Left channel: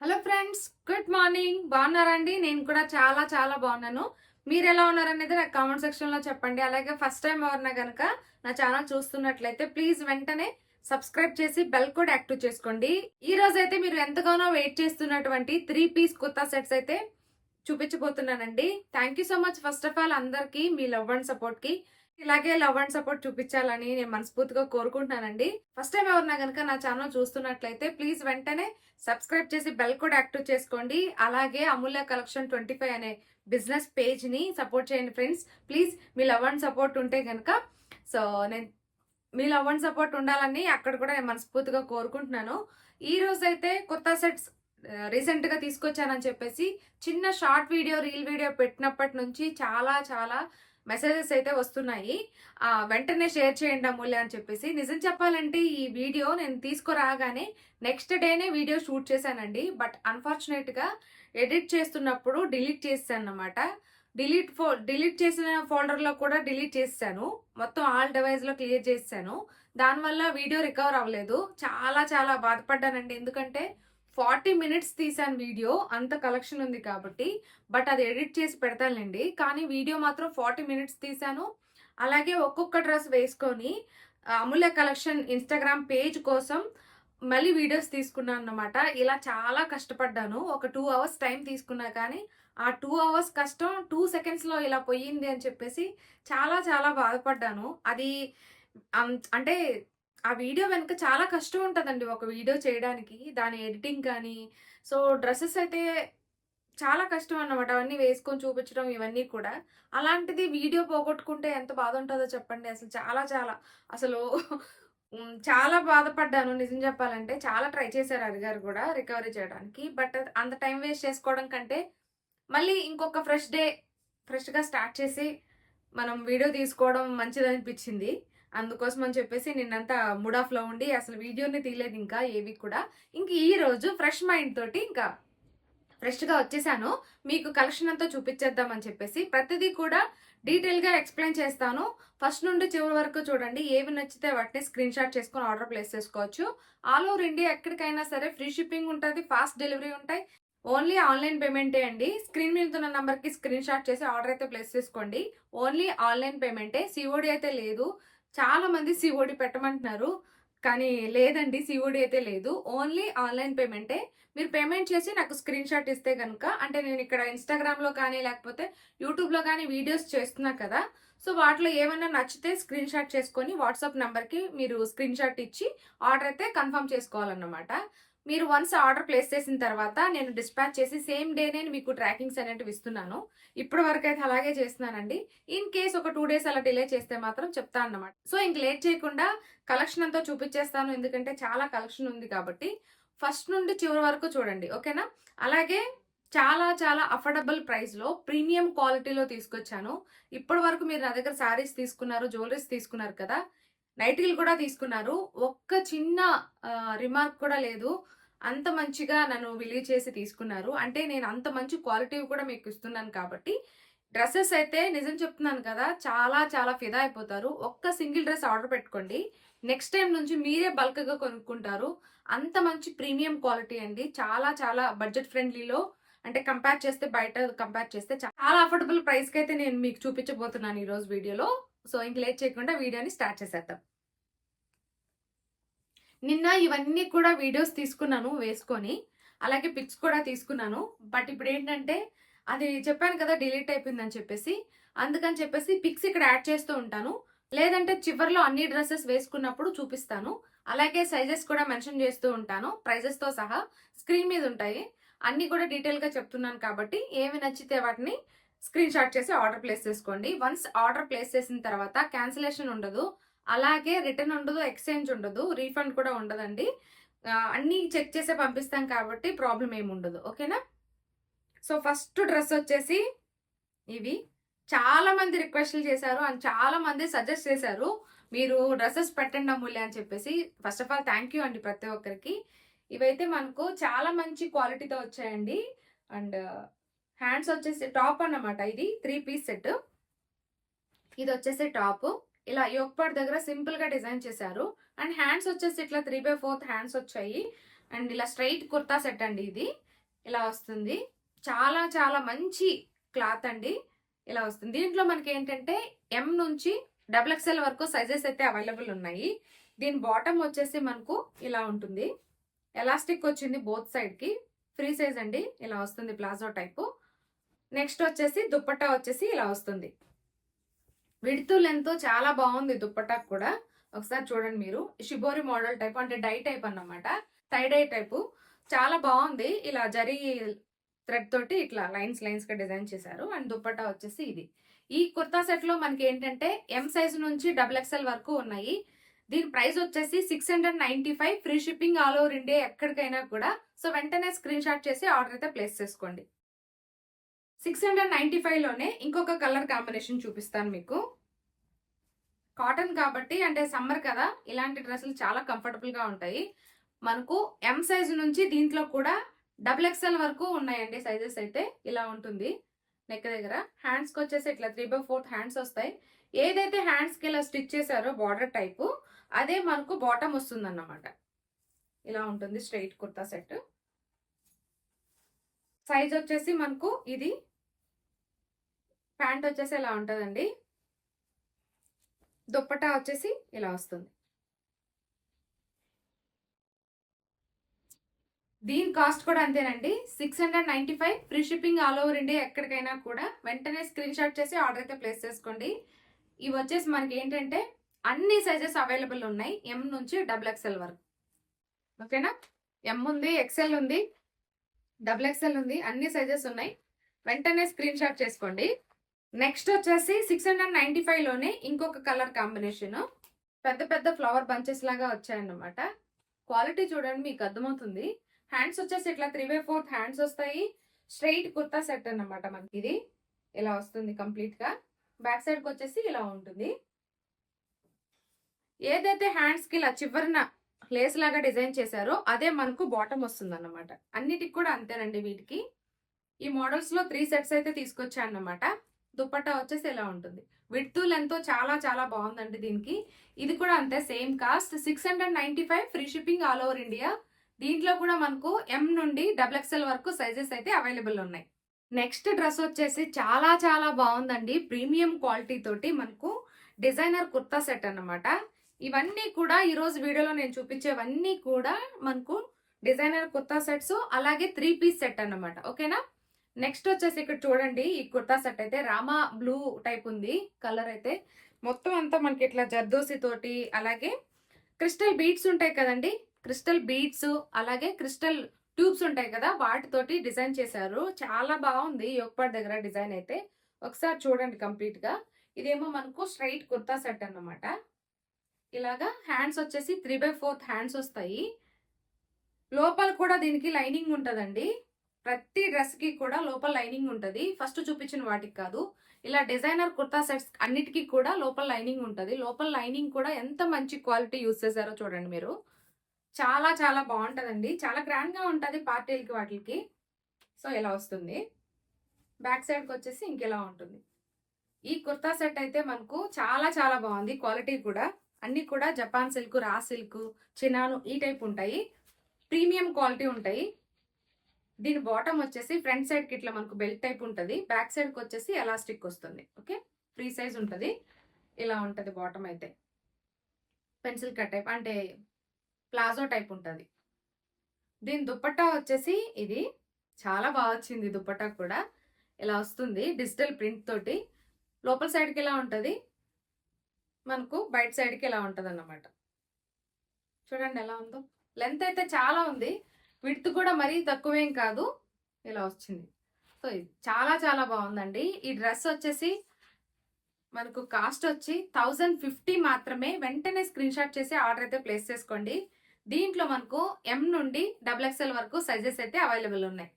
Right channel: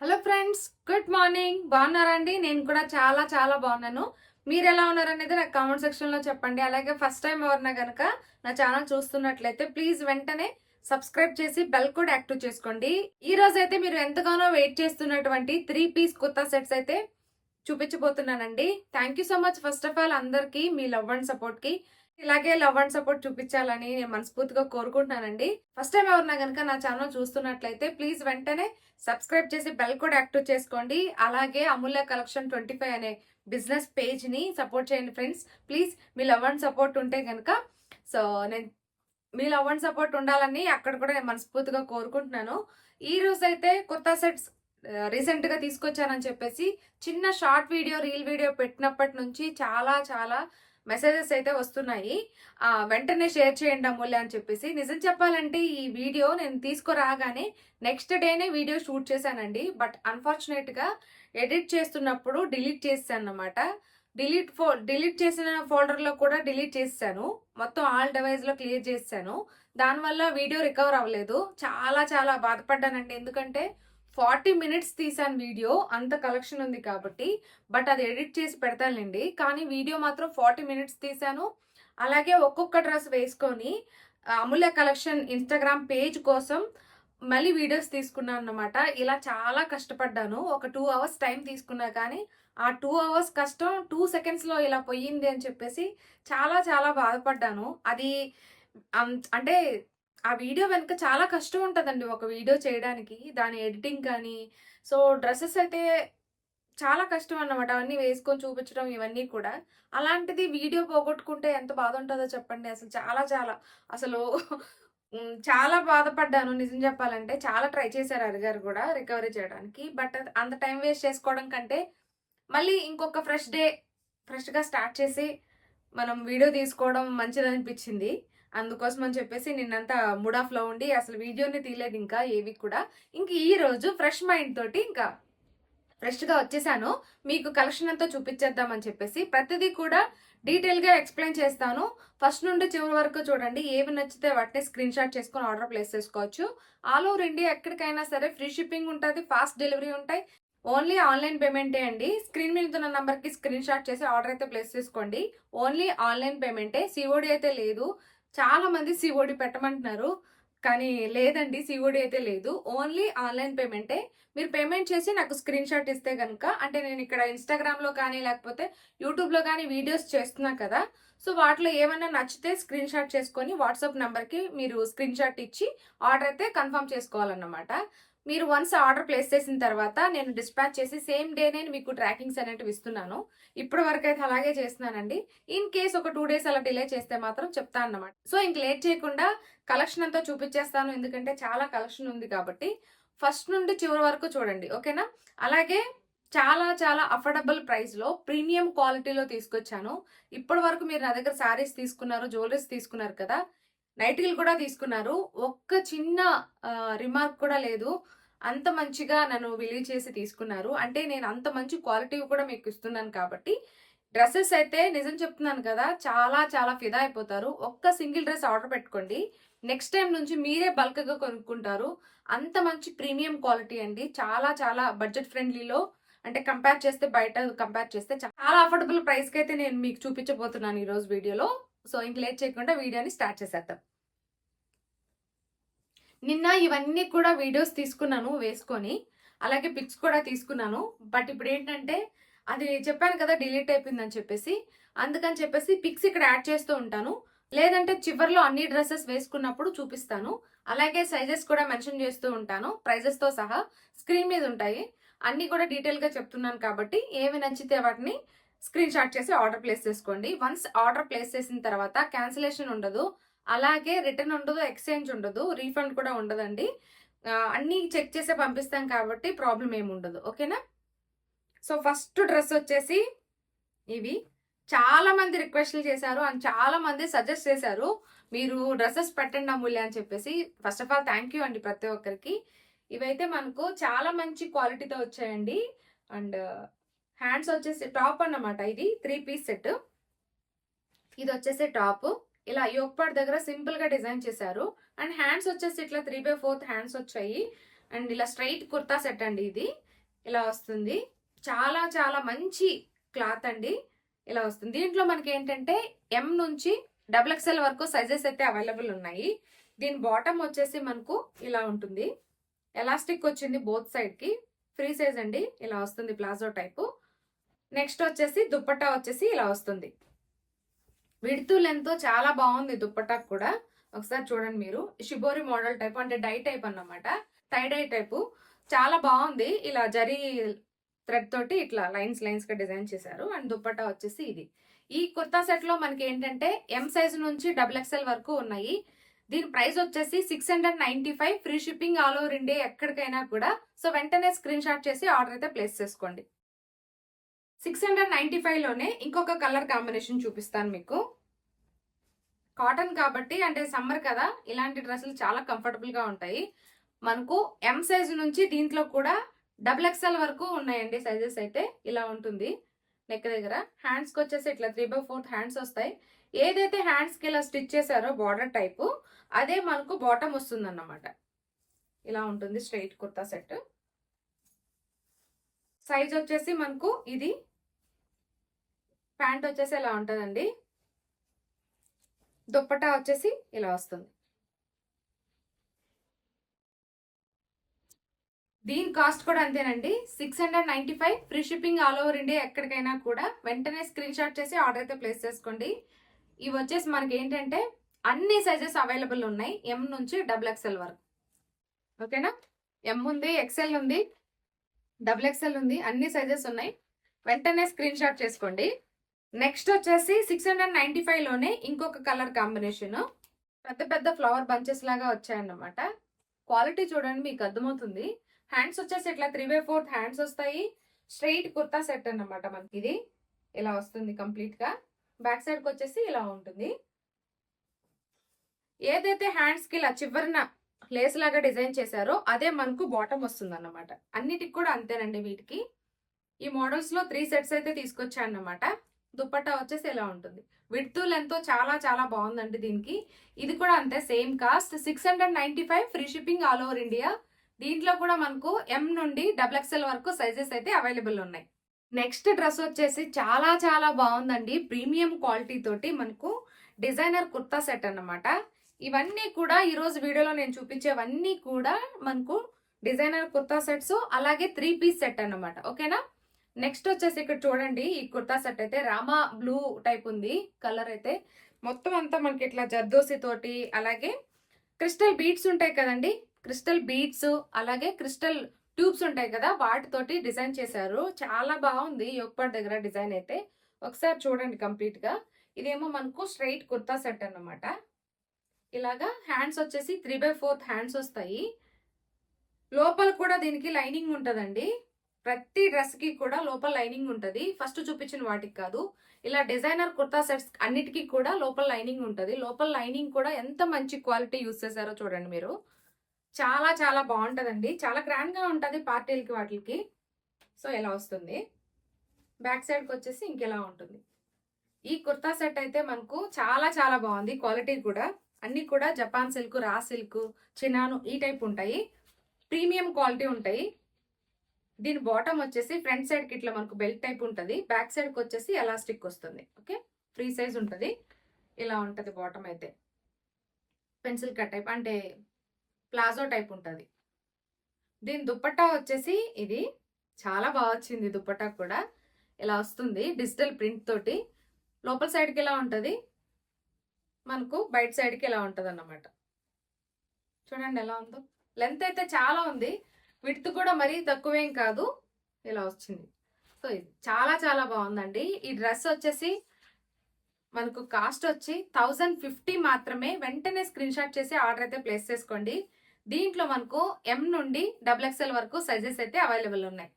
Hello friends, good morning. బాగున్నారా అండి? నేను కూడా చాలా చాలా బాగున్నాను. మీరు ఎలా ఉన్నారనేది నాకు కామెంట్ సెక్షన్లో చెప్పండి. అలాగే ఫస్ట్ టైం ఎవరైనా కనుక నా ఛానల్ చూస్తున్నట్లయితే ప్లీజ్ వెంటనే సబ్స్క్రైబ్ చేసి బెల్ కూడా యాక్టివ్ చేసుకోండి. ఈ రోజు అయితే మీరు ఎంతగానో వెయిట్ చేస్తున్నటువంటి 3 పీస్ కుర్తా సెట్స్ అయితే చూపించబోతున్నానండి. Thank you so much first of all అందరికీ మీ లవ్ అండ్ సపోర్ట్కి. ఇలాగే లవ్ అండ్ సపోర్ట్ చూపించాలని నేను మనస్ఫూర్తిగా కోరుకుంటున్నానండి. ఫస్ట్ టైం ఎవరన్నా కనుక నా ఛానల్ చూస్తున్నట్లయితే ప్లీజ్ వెంటనే సబ్స్క్రైబ్ చేసి బెల్ కూడా యాక్టివ్ చేసుకోండి. అలాగే అమూల్య కలెక్షన్ 25 అనే బిజినెస్ పేజ్ని సపోర్ట్ చేయండి friends. Please me love and support ఉంటే కనుక సో నేను మీ లవ్ అండ్ సపోర్ట్ ఉండాలని అక్కడ కూడా నేను మనస్ఫూర్తిగా కోరుకుంటున్నాను. ఈ రోజు అయితే కొత్త సెట్స్ రీసెంట్గా తీసుకొచ్చానని చెప్పేసి చిన్న షార్ట్ వీడియో రీల్ వీడియో పెట్టినప్పటి నుంచి చాలా చాలా మెసేజెస్ అయితే వస్తున్నాయి. వెంటనే షేర్ చేయండి అమూల్య అని చెప్పేసి. నిజం చెప్పాలంటే ఈ వీడియో నేను తీసుకురాగానే నెక్స్ట్ డేనే వీడియో షూట్ చేశానండి. బట్ అన్ఫార్చునేట్గా ఎడిట్ చేస్తున్నప్పుడు డిలీట్ చేశాను అన్నమాట. డిలీట్ చేసిన ఫోల్డర్లో కూడా డిలీట్ చేశాను. మొత్తం ఆల్ డివైస్లో క్లియర్ చేశాను. దానివల్ల వీడియో రికవర్ అవ్వలేదు. చాలా చాలా బాధపడ్డానండి. ఎందుకంటే 40 మినిట్స్ తీసాను వీడియో. అంత కలెక్షన్ ఉంది కాబట్టి. బట్ అది ఎడిట్ చేసి పెడతానులేండి. కానీ వీడియో మాత్రం 40 మినిట్స్ తీసాను. అలాగే ఒక్కొక్క డ్రెస్ వేసుకొని అమూల్య కలెక్షన్ ఇన్స్టాగ్రామ్ పేజ్ కోసం మళ్ళీ వీడియోస్ తీసుకున్నాను అన్నమాట. ఇలా చాలా కష్టపడ్డాను. ఒక 2 అవర్స్ టైం తీసుకున్నా కానీ ఆ 2 అవర్స్ కష్టం 2 సెకండ్స్లో ఇలా పోయింది అని చెప్పేసి చాలా చాలా బాధపడ్డాను. అది అంటే ఆ వీడియో వెనుక చాలా కష్టం ఉంటదండి ఒక వీడియో చేయడానికి. దాని ఎడిటింగ్ కానీ, సో డ్రెసెస్ అయితే చాలా కష్టం అన్నమాట. అవన్నీ వేసుకొని చూపించడం ఇవన్నీ కూడా. అలాంటిది వీడియో పోగొట్టుకుంటే ఎంత బాధ ఉంటదో చెప్పండి. అసలు చాలా చాలా అసలు చాలా బాధపడ్డాను నిజం చెప్పాలంటే. చాలా ట్రై చేశారు అడిగారు కూడా రికవరీ చేయడానికి. బట్ అంత టైం వేస్ట్ చేసుకోవడం కంటే మళ్ళీ ఇంకొక ఫ్రెష్‌గా స్టార్ట్ చేసి మనం వీడియో తీసుకోవడం మంచిదనిపించింది. అందుకోసం అని చెప్పేసి నిన్నంతా మూడ్ ఆఫ్‌లో ఉండి అసలు వీడియోనే తీయలేదు ఇంకా ఏవి కూడా. ఇంక ఈరోజు ఫ్రెష్ మైండ్ తోటి ఇంకా ఫ్రెష్‌గా వచ్చేసాను. మీకు కలెక్షన్ అంతా చూపించేద్దామని చెప్పేసి. ప్రతిదీ కూడా డీటెయిల్‌గా ఎక్స్‌ప్లెయిన్ చేస్తాను. ఫస్ట్ నుండి చివరి వరకు చూడండి. ఏవి నచ్చితే వాటిని స్క్రీన్ షాట్ చేసుకొని ఆర్డర్ ప్లేస్ చేసుకోవచ్చు. ఆల్ ఓవర్ ఇండియా ఎక్కడికైనా సరే ఫ్రీ షిప్పింగ్ ఉంటది. ఫాస్ట్ డెలివరీ ఉంటాయి. ఓన్లీ ఆన్‌లైన్ పేమెంటే అండి. స్క్రీన్ మీద ఉన్న నంబర్‌కి స్క్రీన్ షాట్ చేసి ఆర్డర్ అయితే ప్లేస్ చేసుకోండి. ఓన్లీ ఆన్‌లైన్ పేమెంటే. సీఓడీ అయితే లేదు. చాలా మంది సీఓడీ పెట్టమంటున్నారు. కానీ లేదండి, సీఓడీ అయితే లేదు. ఓన్లీ ఆన్‌లైన్ పేమెంటే. మీరు పేమెంట్ చేసి నాకు స్క్రీన్ షాట్ ఇస్తే గనుక, అంటే నేను ఇక్కడ ఇన్‌స్టాగ్రామ్‌లో కానీ లేకపోతే యూట్యూబ్‌లో కానీ వీడియోస్ చేస్తున్నా కదా! సో వాటిలో ఏమైనా నచ్చితే స్క్రీన్ షాట్ చేసుకొని వాట్సాప్ నంబర్‌కి మీరు స్క్రీన్ షాట్ ఇచ్చి ఆర్డర్ అయితే కన్ఫర్మ్ చేసుకోవాలన్నమాట. మీరు వన్స్ ఆర్డర్ ప్లేస్ చేసిన తర్వాత నేను డిస్పాచ్ చేసి సేమ్ డేనే మీకు ట్రాకింగ్స్ అనేటివి ఇస్తున్నాను. ఇప్పటి వరకైతే అలాగే చేస్తున్నానండి. ఇన్ కేస్ ఒక 2 డేస్ అలా డిలే చేస్తే మాత్రం చెప్తా అన్నమాట. సో ఇంక లేట్ చేయకుండా కలెక్షన్ అంతా చూపించేస్తాను. ఎందుకంటే చాలా కలెక్షన్ ఉంది కాబట్టి. ఫస్ట్ నుండి చివరి వరకు చూడండి. ఓకేనా? అలాగే చాలా చాలా అఫోర్డబుల్ ప్రైస్‌లో ప్రీమియం క్వాలిటీలో తీసుకొచ్చాను. ఇప్పటి వరకు మీరు నా దగ్గర శారీస్ తీసుకున్నారు, జ్యువెలరీస్ తీసుకున్నారు కదా! నైటీలు కూడా తీసుకున్నారు. ఒక్క చిన్న రిమార్క్ కూడా లేదు. అంత మంచిగా నన్ను బిలీవ్ చేసి తీసుకున్నారు. అంటే నేను అంత మంచి క్వాలిటీవి కూడా మీకు ఇస్తున్నాను కాబట్టి, డ్రెసెస్ అయితే నిజం చెప్తున్నాను కదా! చాలా చాలా ఫిదా అయిపోతారు. ఒక్క సింగిల్ డ్రెస్ ఆర్డర్ పెట్టుకోండి. నెక్స్ట్ టైమ్ నుంచి మీరే బల్క్‌గా కొనుక్కుంటారు. అంత మంచి ప్రీమియం క్వాలిటీ అండి. చాలా చాలా బడ్జెట్ ఫ్రెండ్లీలో, అంటే బయట కంపేర్ చేస్తే చాలా అఫోర్డబుల్ ప్రైస్‌కైతే నేను మీకు చూపించబోతున్నాను ఈరోజు వీడియోలో. సో ఇంక లేట్ చేయకుండా వీడియోని స్టార్ట్ చేసేద్దాం. నిన్న ఇవన్నీ కూడా వీడియోస్ తీసుకున్నాను వేసుకొని. అలాగే పిక్స్ కూడా తీసుకున్నాను. బట్ ఇప్పుడేంటంటే అది చెప్పాను కదా డిలీట్ అయిపోయిందని చెప్పేసి. అందుకని చెప్పేసి పిక్స్ ఇక్కడ యాడ్ చేస్తూ ఉంటాను. లేదంటే చివర్లో అన్ని డ్రెసెస్ వేసుకున్నప్పుడు చూపిస్తాను. అలాగే సైజెస్ కూడా మెన్షన్ చేస్తూ ఉంటాను. ప్రైజెస్‌తో సహా స్క్రీన్ మీద ఉంటాయి. అన్నీ కూడా డీటెయిల్‌గా చెప్తున్నాను కాబట్టి ఏవి నచ్చితే వాటిని స్క్రీన్ షాట్ చేసి ఆర్డర్ ప్లేస్ చేసుకోండి. వన్స్ ఆర్డర్ ప్లేస్ చేసిన తర్వాత క్యాన్సిలేషన్ ఉండదు. అలాగే రిటర్న్ ఉండదు, ఎక్స్‌చేంజ్ ఉండదు, రీఫండ్ కూడా ఉండదండి. అన్నీ చెక్ చేసే పంపిస్తాం కాబట్టి ప్రాబ్లమ్ ఏమి ఉండదు. ఓకేనా? సో ఫస్ట్ డ్రెస్ వచ్చేసి ఇవి. చాలా మంది రిక్వెస్ట్‌లు చేశారు అండ్ చాలా మంది సజెస్ట్ చేశారు. మీరు డ్రెసెస్ పెట్టండి అమూల్య అని చెప్పేసి. First of all thank you అండి ప్రతి ఒక్కరికి. ఇవైతే మనకు చాలా మంచి క్వాలిటీతో వచ్చాయండి. అండ్ హ్యాండ్స్ వచ్చేసి టాప్ అన్నమాట. ఇది 3 పీస్ సెట్. ఇది వచ్చేసి టాప్. ఇలా యోక్ పార్ట్ దగ్గర సింపుల్ గా డిజైన్ చేశారు. అండ్ హ్యాండ్స్ వచ్చేసి ఇట్లా 3/4 హ్యాండ్స్ వచ్చాయి. అండ్ ఇలా స్ట్రైట్ కుర్తా సెట్ అండి ఇది. ఇలా వస్తుంది. చాలా చాలా మంచి క్లాత్ అండి. ఇలా వస్తుంది. దీంట్లో మనకి ఏంటంటే ఎం నుంచి డబుల్ ఎక్స్ఎల్ వరకు సైజెస్ అయితే అవైలబుల్ ఉన్నాయి. దీని బాటమ్ వచ్చేసి మనకు ఇలా ఉంటుంది. ఎలాస్టిక్ వచ్చింది బోత్ సైడ్ కి. ఫ్రీ సైజ్ అండి. ఇలా వస్తుంది ప్లాజో టైపు. నెక్స్ట్ వచ్చేసి దుప్పట్టా వచ్చేసి ఇలా వస్తుంది. విడ్త్ లెంత్ చాలా బాగుంది దుప్పట్టా కూడా. ఒకసారి చూడండి మీరు. షిబోరి మోడల్ టైప్ అంటే డై టైప్ అన్నమాట. టై డై టైపు చాలా బాగుంది. ఇలా జరీ థ్రెడ్ తోటి ఇట్లా లైన్స్ లైన్స్ గా డిజైన్ చేశారు. అండ్ దుప్పట్టా వచ్చేసి ఇది. ఈ కుర్తా సెట్ లో మనకి ఏంటంటే ఎం సైజ్ నుంచి డబుల్ ఎక్స్ఎల్ వరకు ఉన్నాయి. దీని ప్రైస్ వచ్చేసి 695. Free shipping all over India ఎక్కడికైనా కూడా. సో వెంటనే స్క్రీన్ షాట్ చేసి ఆర్డర్ అయితే ప్లేస్ చేసుకోండి. 695 లోనే ఇంకొక కలర్ కాంబినేషన్ చూపిస్తాను మీకు. కాటన్ కాబట్టి అంటే సమ్మర్ కదా, ఇలాంటి డ్రెస్సులు చాలా కంఫర్టబుల్ గా ఉంటాయి. మనకు ఎం సైజ్ నుంచి దీంట్లో కూడా డబుల్ ఎక్స్ఎల్ వరకు ఉన్నాయండి సైజెస్ అయితే. ఇలా ఉంటుంది నెక్ దగ్గర. హ్యాండ్స్కి వచ్చేసి ఇట్లా 3/4 హ్యాండ్స్ వస్తాయి. ఏదైతే హ్యాండ్స్కి ఇలా స్టిచ్ చేశారో బార్డర్ టైపు అదే మనకు బాటమ్ వస్తుంది అన్నమాట. ఇలా ఉంటుంది స్ట్రైట్ కుర్తా సెట్. సైజ్ వచ్చేసి మనకు ఇది. ప్యాంట్ వచ్చేసి ఇలా ఉంటుందండి. దుప్పటా వచ్చేసి ఇలా వస్తుంది. దీని కాస్ట్ కూడా అంతేనండి, 695. Free shipping all over India ఎక్కడికైనా కూడా. వెంటనే స్క్రీన్ షాట్ చేసి ఆర్డర్ అయితే ప్లేస్ చేసుకోండి. ఇవి వచ్చేసి మనకి ఏంటంటే అన్ని సైజెస్ అవైలబుల్ ఉన్నాయి, ఎం నుంచి డబుల్ ఎక్స్ఎల్ వరకు. ఓకేనా? ఎం ఉంది, ఎక్స్ఎల్ ఉంది, డబుల్ ఎక్స్ఎల్ ఉంది, అన్ని సైజెస్ ఉన్నాయి. వెంటనే స్క్రీన్ షాట్ చేసుకోండి. నెక్స్ట్ వచ్చేసి 695 లోనే ఇంకొక కలర్ కాంబినేషన్. పెద్ద పెద్ద ఫ్లవర్ బంచెస్ లాగా వచ్చాయన్నమాట. క్వాలిటీ చూడండి, మీకు అర్థమవుతుంది. హ్యాండ్స్ వచ్చేసి ఇట్లా 3/4 హ్యాండ్స్ వస్తాయి. స్ట్రైట్ కుర్తా సెట్ అన్నమాట మనకి. ఇది ఇలా వస్తుంది కంప్లీట్ గా. బ్యాక్ సైడ్ కి వచ్చేసి ఇలా ఉంటుంది. ఏదైతే హ్యాండ్స్ కి ఇలా చివరిన లేస్ లాగా డిజైన్ చేశారో అదే మనకు బాటమ్ వస్తుంది అన్నమాట. అన్నిటికి కూడా అంతేనండి వీటికి. ఈ మోడల్స్ లో 3 సెట్స్ అయితే తీసుకొచ్చాయన్నమాట. దుప్పట్టా వచ్చేసి ఇలా ఉంటుంది. విడ్త్ లెంత్ చాలా చాలా బాగుందండి దీనికి. ఇది కూడా అంతే, same cost 695. Free shipping all over India. దీంట్లో కూడా మనకు ఎం నుండి డబుల్ ఎక్స్ఎల్ వరకు సైజెస్ అయితే అవైలబుల్ ఉన్నాయి. నెక్స్ట్ డ్రెస్ వచ్చేసి చాలా చాలా బాగుందండి. ప్రీమియం క్వాలిటీ తోటి మనకు డిజైనర్ కుర్తా సెట్ అన్నమాట. ఇవన్నీ కూడా ఈరోజు వీడియోలో నేను చూపించేవన్నీ కూడా మనకు డిజైనర్ కుర్తా సెట్స్, అలాగే 3 పీస్ సెట్ అన్నమాట. ఓకేనా? నెక్స్ట్ వచ్చేసి ఇక్కడ చూడండి, ఈ కుర్తా సెట్ అయితే రామా బ్లూ టైప్ ఉంది కలర్ అయితే. మొత్తం అంతా మనకి ఇట్లా జర్దోసి తోటి, అలాగే క్రిస్టల్ బీడ్స్ ఉంటాయి కదండి, క్రిస్టల్ బీడ్స్ అలాగే క్రిస్టల్ ట్యూబ్స్ ఉంటాయి కదా, వాటితోటి డిజైన్ చేశారు. చాలా బాగుంది యోగపాట్ దగ్గర డిజైన్ అయితే. ఒకసారి చూడండి కంప్లీట్ గా. ఇదేమో మనకు స్ట్రైట్ కుర్తా సెట్ అన్నమాట. ఇలాగా హ్యాండ్స్ వచ్చేసి 3/4 హ్యాండ్స్ వస్తాయి. లోపల కూడా దీనికి లైనింగ్ ఉంటదండి. ప్రతి డ్రెస్ కి కూడా లోపల లైనింగ్ ఉంటది. ఫస్ట్ చూపించిన వాటికి కాదు, ఇలా డిజైనర్ కుర్తా సెట్స్ అన్నిటికీ కూడా లోపల లైనింగ్ ఉంటది. లోపల లైనింగ్ కూడా ఎంత మంచి క్వాలిటీ యూస్ చేశారో చూడండి మీరు. చాలా చాలా బాగుంటదండి. చాలా గ్రాండ్ గా ఉంటది పార్టీలకి వాటికి. సో ఇలా వస్తుంది. బ్యాక్ సైడ్ కి వచ్చేసి ఇంకెలా ఉంటుంది. ఈ కుర్తా సెట్ అయితే మనకు చాలా చాలా బాగుంది. క్వాలిటీ కూడా అన్ని కూడా జపాన్ సిల్క్, రా సిల్క్, చినాను ఈ టైప్ ఉంటాయి. ప్రీమియం క్వాలిటీ ఉంటాయి. దీని బాటమ్ వచ్చేసి ఫ్రంట్ సైడ్ కి ఇట్లా మనకు బెల్ట్ టైప్ ఉంటుంది. బ్యాక్ సైడ్ కి వచ్చేసి ఎలాస్టిక్ వస్తుంది. ఓకే, ఫ్రీ సైజ్ ఉంటుంది. ఇలా ఉంటుంది బాటమ్ అయితే. పెన్సిల్ కట్ టైప్ అంటే ప్లాజో టైప్ ఉంటుంది. దీని దుప్పట్టా వచ్చేసి ఇది చాలా బాగా వచ్చింది. దుప్పట్టా కూడా ఇలా వస్తుంది డిజిటల్ ప్రింట్ తోటి. లోపల సైడ్కి ఇలా ఉంటుంది, మనకు బయట సైడ్కి ఇలా ఉంటుంది అన్నమాట. చూడండి ఎలా ఉందో. లెంత్ అయితే చాలా ఉంది, విడ్త్ కూడా మరీ తక్కువేం కాదు. ఇలా వచ్చింది. సో ఇది చాలా చాలా బాగుందండి. ఈ డ్రెస్ వచ్చేసి మనకు కాస్ట్ వచ్చి 1050 మాత్రమే. వెంటనే స్క్రీన్ షాట్ చేసి ఆర్డర్ అయితే ప్లేస్ చేసుకోండి. దీంట్లో మనకు ఎం నుండి డబుల్ ఎక్స్ఎల్ వరకు సైజెస్ అయితే అవైలబుల్ ఉన్నాయి.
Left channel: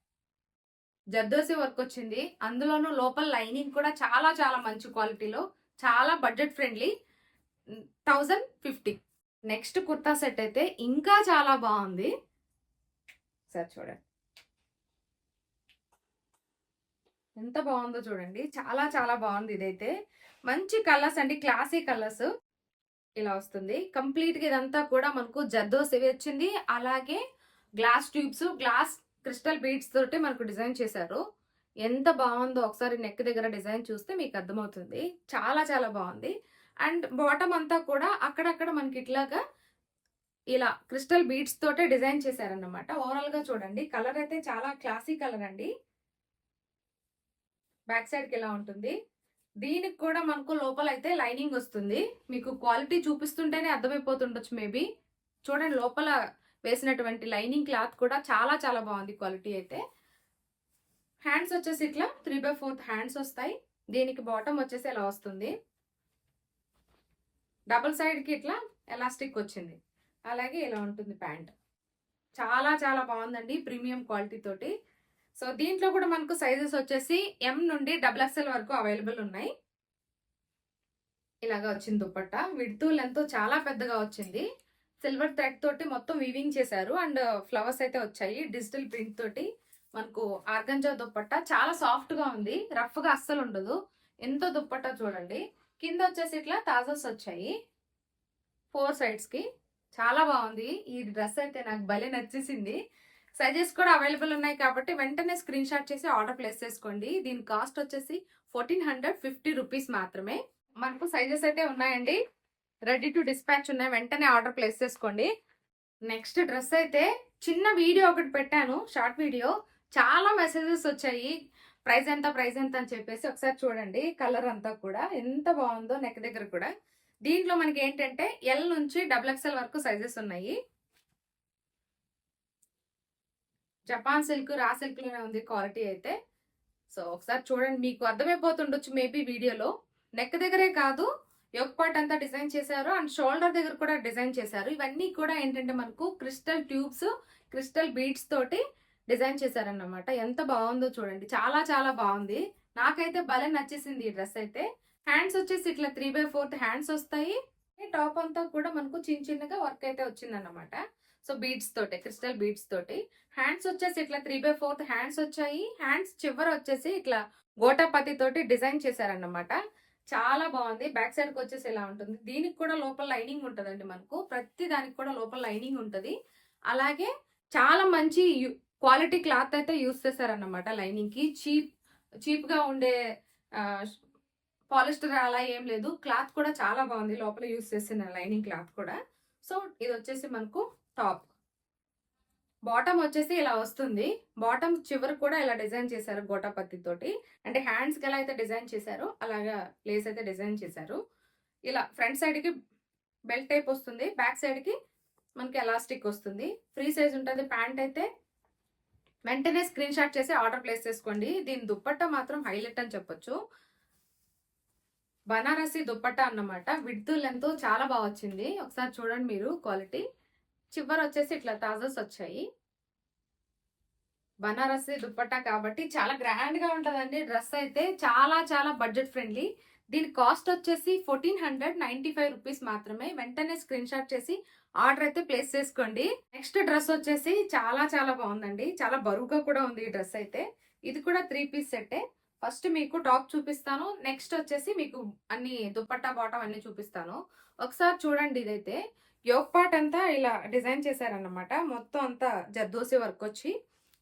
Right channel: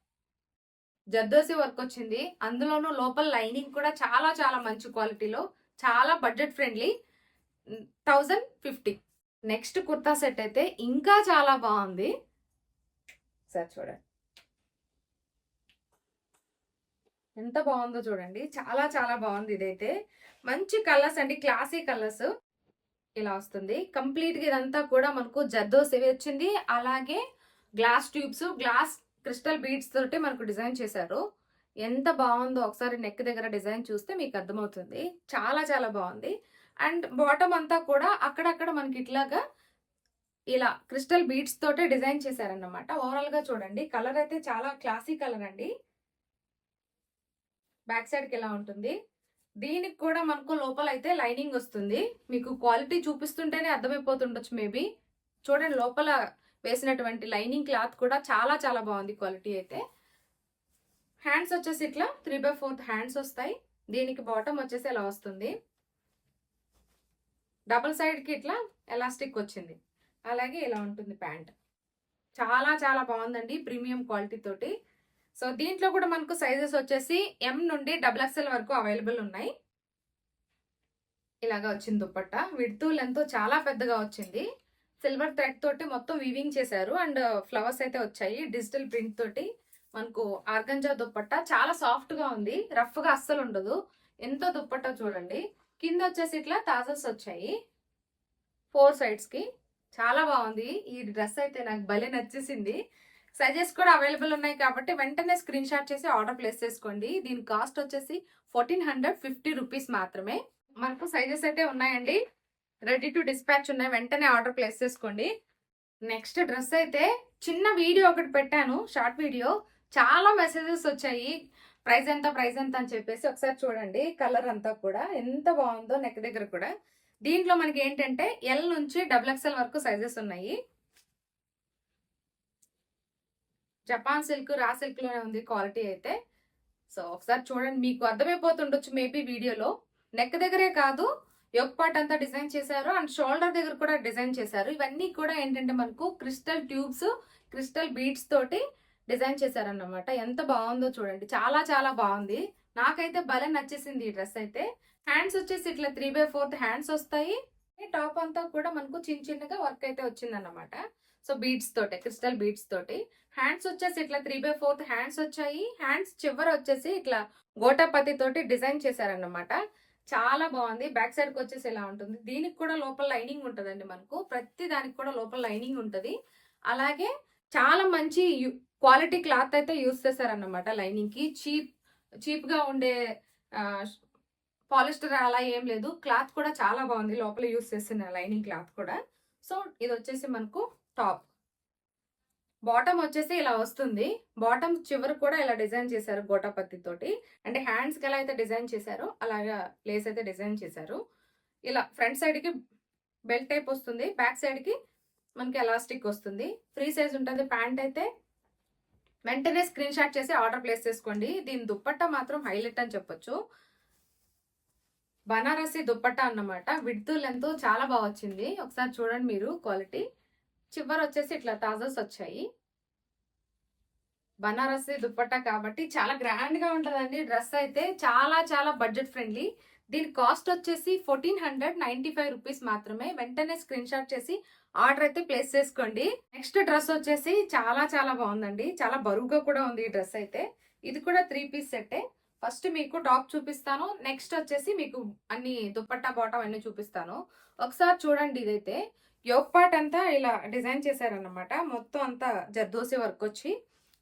జర్దోసి వర్క్ వచ్చింది, అందులోనూ లోపల లైనింగ్ కూడా చాలా చాలా మంచి క్వాలిటీలో, చాలా budget friendly. 1050. Next kurta set అయితే ఇంకా చాలా బాగుంది. సార్ చూడండి ఎంత బాగుందో చూడండి. చాలా చాలా బాగుంది. ఇదైతే మంచి కలర్స్ అండి, క్లాసీ కలర్స్. ఇలా వస్తుంది కంప్లీట్ గా. ఇదంతా కూడా మనకు జర్దోసి వచ్చింది, అలాగే glass tubes, glass crystal beads తోటి మనకు డిజైన్ చేశారు. ఎంత బాగుందో ఒకసారి నెక్ దగ్గర డిజైన్ చూస్తే మీకు అర్థమవుతుంది. చాలా చాలా బాగుంది. అండ్ బాటమ్ అంతా కూడా అక్కడక్కడ మనకి ఇట్లాగా ఇలా క్రిస్టల్ బీడ్స్ తోటే డిజైన్ చేశారన్నమాట. ఓవరాల్ గా చూడండి, కలర్ అయితే చాలా క్లాసీ కలర్ అండి. బ్యాక్ సైడ్ కి ఇలా ఉంటుంది. దీనికి కూడా మనకు లోపల అయితే లైనింగ్ వస్తుంది. మీకు క్వాలిటీ చూపిస్తుంటేనే అర్థమైపోతుండొచ్చు మేబీ. చూడండి, లోపల వేసినటువంటి లైనింగ్ క్లాత్ కూడా చాలా చాలా బాగుంది క్వాలిటీ అయితే. హ్యాండ్స్ వచ్చేసి ఇట్లా 3/4 హ్యాండ్స్ వస్తాయి. దీనికి బాటమ్ వచ్చేసి ఇలా వస్తుంది. డబుల్ సైడ్ కి ఇట్లా ఎలాస్టిక్ వచ్చింది. అలాగే ఇలా ఉంటుంది ప్యాంట్. చాలా చాలా బాగుందండి, ప్రీమియం క్వాలిటీ తోటి. సో దీంట్లో కూడా మనకు సైజెస్ వచ్చేసి M నుండి XXL వరకు అవైలబుల్ ఉన్నాయి. ఇలాగా వచ్చింది దుపట్టా. విడ్త్ లెంత్ చాలా పెద్దగా వచ్చింది. సిల్వర్ థ్రెడ్ తోటి మొత్తం వీవింగ్ చేశారు. అండ్ ఫ్లవర్స్ అయితే వచ్చాయి డిజిటల్ ప్రింట్ తోటి. మనకు ఆర్గంజా దుపట్టా చాలా సాఫ్ట్ గా ఉంది, రఫ్ గా అస్సలు ఉండదు. ఎంతో దుపట్టా చూడండి. కింద వచ్చేసి ఇట్లా తాజల్స్ వచ్చాయి 4 సైడ్స్ కి. చాలా బాగుంది ఈ డ్రెస్ అయితే, నాకు భలే నచ్చేసింది. సైజెస్ కూడా అవైలబుల్ ఉన్నాయి కాబట్టి వెంటనే స్క్రీన్ షాట్ చేసి ఆర్డర్ ప్లేస్ చేసుకోండి. దీని కాస్ట్ వచ్చేసి 1450 రూపీస్ మాత్రమే. మనకు సైజెస్ అయితే ఉన్నాయండి, రెడీ టు డిస్పాచ్ ఉన్నాయి. వెంటనే ఆర్డర్ ప్లేస్ చేసుకోండి. నెక్స్ట్ డ్రెస్ అయితే చిన్న వీడియో ఒకటి పెట్టాను, షార్ట్ వీడియో. చాలా మెసేజెస్ వచ్చాయి, ప్రైస్ ఎంత ప్రైస్ ఎంత అని చెప్పేసి. ఒకసారి చూడండి, కలర్ అంతా కూడా ఎంత బాగుందో. నెక్ దగ్గర కూడా దీంట్లో మనకి ఏంటంటే L నుంచి XXL వరకు సైజెస్ ఉన్నాయి. జపాన్ సిల్క్, రా సిల్క్ లోనే ఉంది క్వాలిటీ అయితే. సో ఒకసారి చూడండి, మీకు అర్థమైపోతుండొచ్చు మేబీ వీడియోలో. నెక్ దగ్గరే కాదు, యోక్ పార్ట్ అంతా డిజైన్ చేశారు. అండ్ షోల్డర్ దగ్గర కూడా డిజైన్ చేశారు. ఇవన్నీ కూడా ఏంటంటే మనకు క్రిస్టల్ ట్యూబ్స్, క్రిస్టల్ బీడ్స్ తోటి డిజైన్ చేశారన్నమాట. ఎంత బాగుందో చూడండి, చాలా చాలా బాగుంది. నాకైతే భలే నచ్చేసింది ఈ డ్రెస్ అయితే. హ్యాండ్స్ వచ్చేసి ఇట్లా 3/4 హ్యాండ్స్ వస్తాయి. టాప్ అంతా కూడా మనకు చిన్న చిన్నగా వర్క్ అయితే వచ్చింది అన్నమాట. సో బీడ్స్ తోటి, క్రిస్టల్ బీడ్స్ తోటి. హ్యాండ్స్ వచ్చేసి ఇట్లా 3/4 హ్యాండ్స్ వచ్చాయి. హ్యాండ్స్ చివర వచ్చేసి ఇట్లా గోటాపతి తోటి డిజైన్ చేశారన్నమాట. చాలా బాగుంది. బ్యాక్ సైడ్ కి వచ్చేసి ఇలా ఉంటుంది. దీనికి కూడా లోపల లైనింగ్ ఉంటదండి. మనకు ప్రతి దానికి కూడా లోపల లైనింగ్ ఉంటది. అలాగే చాలా మంచి క్వాలిటీ క్లాత్ అయితే యూస్ చేశారన్నమాట. లైనింగ్ కి చీప్ గా ఉండే పాలిస్టర్ అలా ఏం లేదు. క్లాత్ కూడా చాలా బాగుంది, లోపల యూస్ చేసిన లైనింగ్ క్లాత్ కూడా. సో ఇది వచ్చేసి మనకు టాప్. బాటమ్ వచ్చేసి ఇలా వస్తుంది. బాటమ్ చివరి కూడా ఇలా డిజైన్ చేశారు గోటాపత్తి తోటి. అంటే హ్యాండ్స్ కి ఎలా అయితే డిజైన్ చేశారో అలాగా లేస్ అయితే డిజైన్ చేశారు. ఇలా ఫ్రంట్ సైడ్ కి బెల్ట్ టైప్ వస్తుంది, బ్యాక్ సైడ్ కి మనకి ఎలాస్టిక్ వస్తుంది. ఫ్రీ సైజ్ ఉంటుంది ప్యాంట్ అయితే. వెంటనే స్క్రీన్ షాట్ చేసి ఆర్డర్ ప్లేస్ చేసుకోండి. దీని దుప్పట్టా మాత్రం హైలైట్ అని చెప్పొచ్చు. బనారసి దుప్పట్టా అన్నమాట. విడ్త్ లెంత్ చాలా బాగా వచ్చింది. ఒకసారి చూడండి మీరు క్వాలిటీ. చివర వచ్చేసి ఇట్లా తాజల్స్ వచ్చాయి. బనారసి దుప్పట్టా కాబట్టి చాలా గ్రాండ్ గా ఉంటదండి డ్రెస్ అయితే. చాలా చాలా బడ్జెట్ ఫ్రెండ్లీ. దీని కాస్ట్ వచ్చేసి 1495 రూపీస్ మాత్రమే. వెంటనే స్క్రీన్ షాట్ చేసి ఆర్డర్ అయితే ప్లేస్ చేసుకోండి. నెక్స్ట్ డ్రెస్ వచ్చేసి చాలా చాలా బాగుందండి, చాలా బరువుగా కూడా ఉంది ఈ డ్రెస్ అయితే. ఇది కూడా 3 పీస్ సెట్టే. ఫస్ట్ మీకు టాప్ చూపిస్తాను, నెక్స్ట్ వచ్చేసి మీకు అన్ని దుపట్టా బాటమ్ అన్ని చూపిస్తాను. ఒకసారి చూడండి, ఇదైతే యోక్ పార్ట్ అంతా ఇలా డిజైన్ చేశారన్నమాట. మొత్తం అంతా జర్దోసి వర్క్ వచ్చి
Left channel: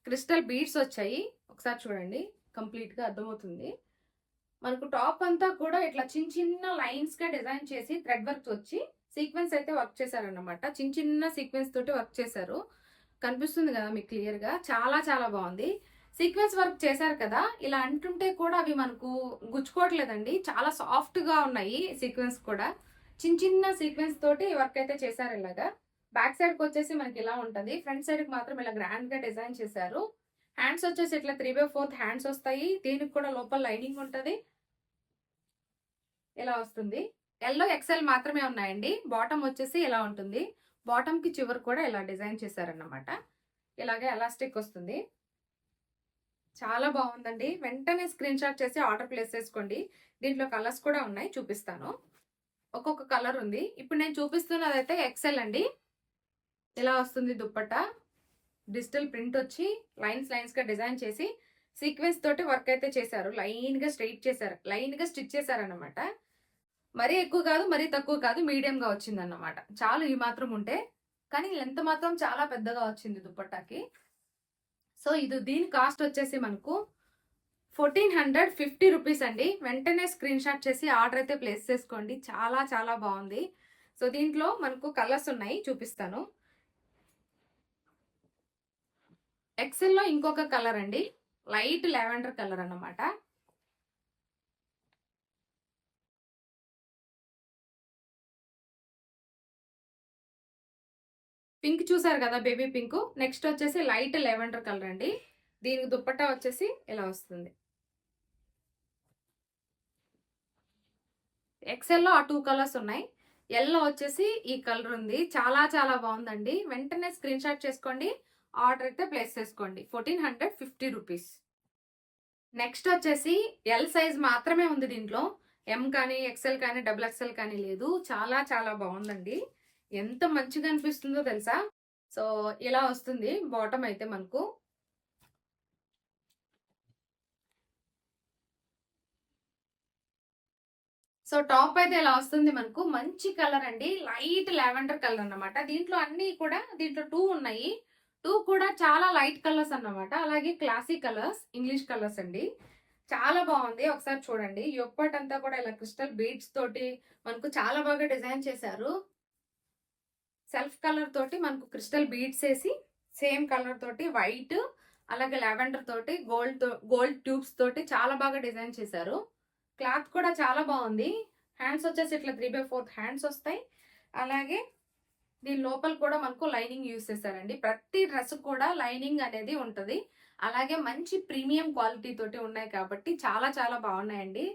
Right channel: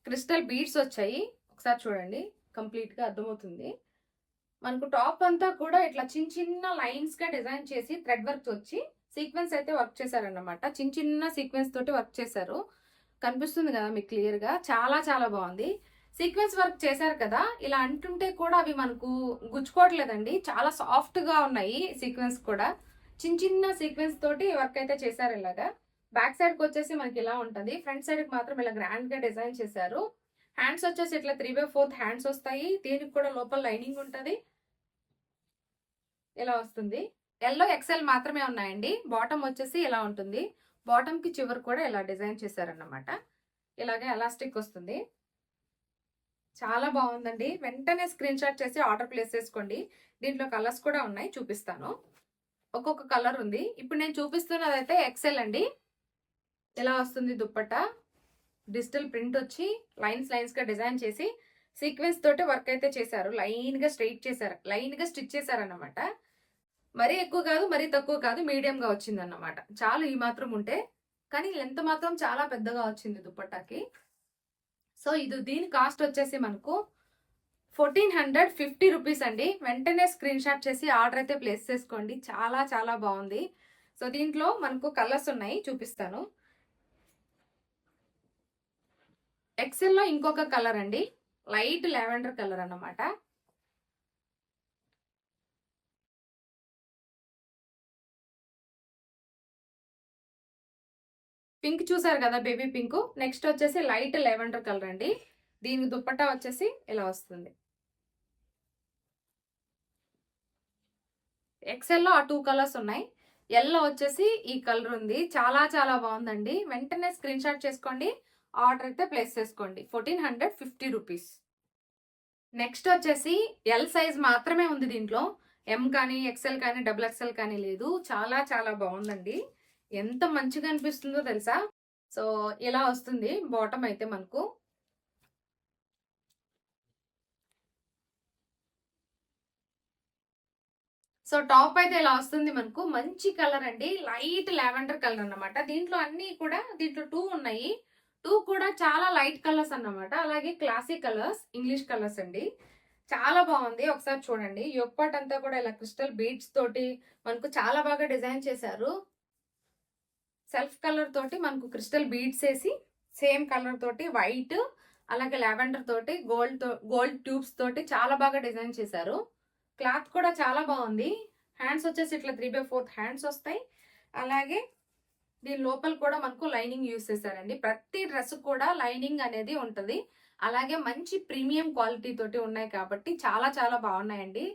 క్రిస్టల్ బీడ్స్ వచ్చాయి. ఒకసారి చూడండి, కంప్లీట్ గా అర్థమవుతుంది. మనకు టాప్ అంతా కూడా ఇట్లా చిన్న చిన్న లైన్స్ గా డిజైన్ చేసి థ్రెడ్ వర్క్ వచ్చి సీక్వెన్స్ అయితే వర్క్ చేశారన్నమాట. చిన్న చిన్న సీక్వెన్స్ తోటి వర్క్ చేశారు. కనిపిస్తుంది కదా మీకు క్లియర్ గా. చాలా చాలా బాగుంది. సీక్వెన్స్ వర్క్ చేశారు కదా, ఇలా అంటుంటే కూడా అవి మనకు గుచ్చుకోవట్లేదండి. చాలా సాఫ్ట్ గా ఉన్నాయి సీక్వెన్స్ కూడా. చిన్న చిన్న సీక్వెన్స్ తోటి వర్క్ అయితే చేశారు ఇలాగా. బ్యాక్ సైడ్ కి వచ్చేసి మనకి ఇలా ఉంటది. ఫ్రంట్ సైడ్ కి మాత్రం ఇలా గ్రాండ్ గా డిజైన్ చేశారు. హ్యాండ్స్ వచ్చేసి ఇట్లా 3/4 హ్యాండ్స్ వస్తాయి. దీనికి కూడా లోపల లైనింగ్ ఉంటది. ఇలా వస్తుంది. ఎల్లో XL మాత్రమే ఉన్నాయండి. బాటమ్ వచ్చేసి ఇలా ఉంటుంది. బాటమ్ కి చివరి కూడా ఇలా డిజైన్ చేశారన్నమాట. ఇలాగే ఎలాస్టిక్ వస్తుంది. చాలా బాగుందండి. వెంటనే స్క్రీన్ షాట్ చేసి ఆర్డర్ ప్లేస్ చేసుకోండి. దీంట్లో కలర్స్ కూడా ఉన్నాయి, చూపిస్తాను. ఒక్కొక్క కలర్ ఉంది. ఇప్పుడు నేను చూపిస్తున్నది అయితే XL అండి. ఇలా వస్తుంది దుప్పట్టా. డిజిటల్ ప్రింట్ వచ్చి లైన్స్ లైన్స్ గా డిజైన్ చేసి సీక్వెన్స్ తోటి వర్క్ అయితే చేశారు. లైన్ గా స్ట్రైట్ చేశారు, లైన్ గా స్టిచ్ చేశారన్నమాట. మరీ ఎక్కువ కాదు, మరీ తక్కువ కాదు, మీడియం గా వచ్చింది అన్నమాట. చాలు ఈ మాత్రం ఉంటే. కానీ లెంత్ మాత్రం చాలా పెద్దగా వచ్చింది దుప్పట్టాకి. సో ఇది దీని కాస్ట్ వచ్చేసి మనకు 1450 రూపీస్ అండి. వెంటనే స్క్రీన్ షాట్ చేసి ఆర్డర్ అయితే ప్లేస్ చేసుకోండి. చాలా చాలా బాగుంది. సో దీంట్లో మనకు కలర్స్ ఉన్నాయి, చూపిస్తాను. ఎక్సెల్లో ఇంకొక కలర్ అండి, లైట్ లెవెండర్ కలర్ అన్నమాట. పింక్ చూసారు కదా, బేబీ పింక్. నెక్స్ట్ వచ్చేసి లైట్ లెవెండర్ కలర్ అండి. దీనికి దుప్పట్టా వచ్చేసి ఇలా వస్తుంది. ఎక్సెల్లో ఆ 2 కలర్స్ ఉన్నాయి. ఎల్లో వచ్చేసి ఈ కలర్ ఉంది. చాలా చాలా బాగుందండి. వెంటనే స్క్రీన్ షాట్ చేసుకోండి, ఆర్డర్ అయితే ప్లేస్ చేసుకోండి. 1450 రూపీస్. నెక్స్ట్ వచ్చేసి ఎల్ సైజ్ మాత్రమే ఉంది దీంట్లో. ఎం కానీ ఎక్సెల్ కానీ డబుల్ ఎక్సెల్ కానీ లేదు. చాలా చాలా బాగుందండి. ఎంత మంచిగా అనిపిస్తుందో తెలుసా. సో ఇలా వస్తుంది బాటమ్ అయితే మనకు. సో టాప్ అయితే ఇలా వస్తుంది మనకు. మంచి కలర్ అండి, లైట్ లావెండర్ కలర్ అన్నమాట. దీంట్లో అన్ని కూడా, దీంట్లో 2 ఉన్నాయి. 2 కూడా చాలా లైట్ కలర్స్ అన్నమాట. అలాగే క్లాసిక్ కలర్స్, ఇంగ్లీష్ కలర్స్ అండి. చాలా బాగుంది, ఒకసారి చూడండి. యొప్పాట్ అంతా కూడా ఇలా క్రిస్టల్ బీడ్స్ తోటి మనకు చాలా బాగా డిజైన్ చేశారు. సెల్ఫ్ కలర్ తోటి మనకు క్రిస్టల్ బీడ్స్ వేసి, సేమ్ కలర్ తోటి వైట్, అలాగే లావెండర్ తోటి గోల్డ్ ట్యూబ్స్ తోటి చాలా బాగా డిజైన్ చేశారు. క్లాత్ కూడా చాలా బాగుంది. హ్యాండ్స్ వచ్చేసి ఇట్లా 3/4 హ్యాండ్స్ వస్తాయి. అలాగే దీని లోపల కూడా మనకు లైనింగ్ యూస్ చేశారండి. ప్రతి డ్రెస్ కూడా లైనింగ్ అనేది ఉంటుంది. అలాగే మంచి ప్రీమియం క్వాలిటీ తోటి ఉన్నాయి కాబట్టి చాలా చాలా బాగున్నాయండి.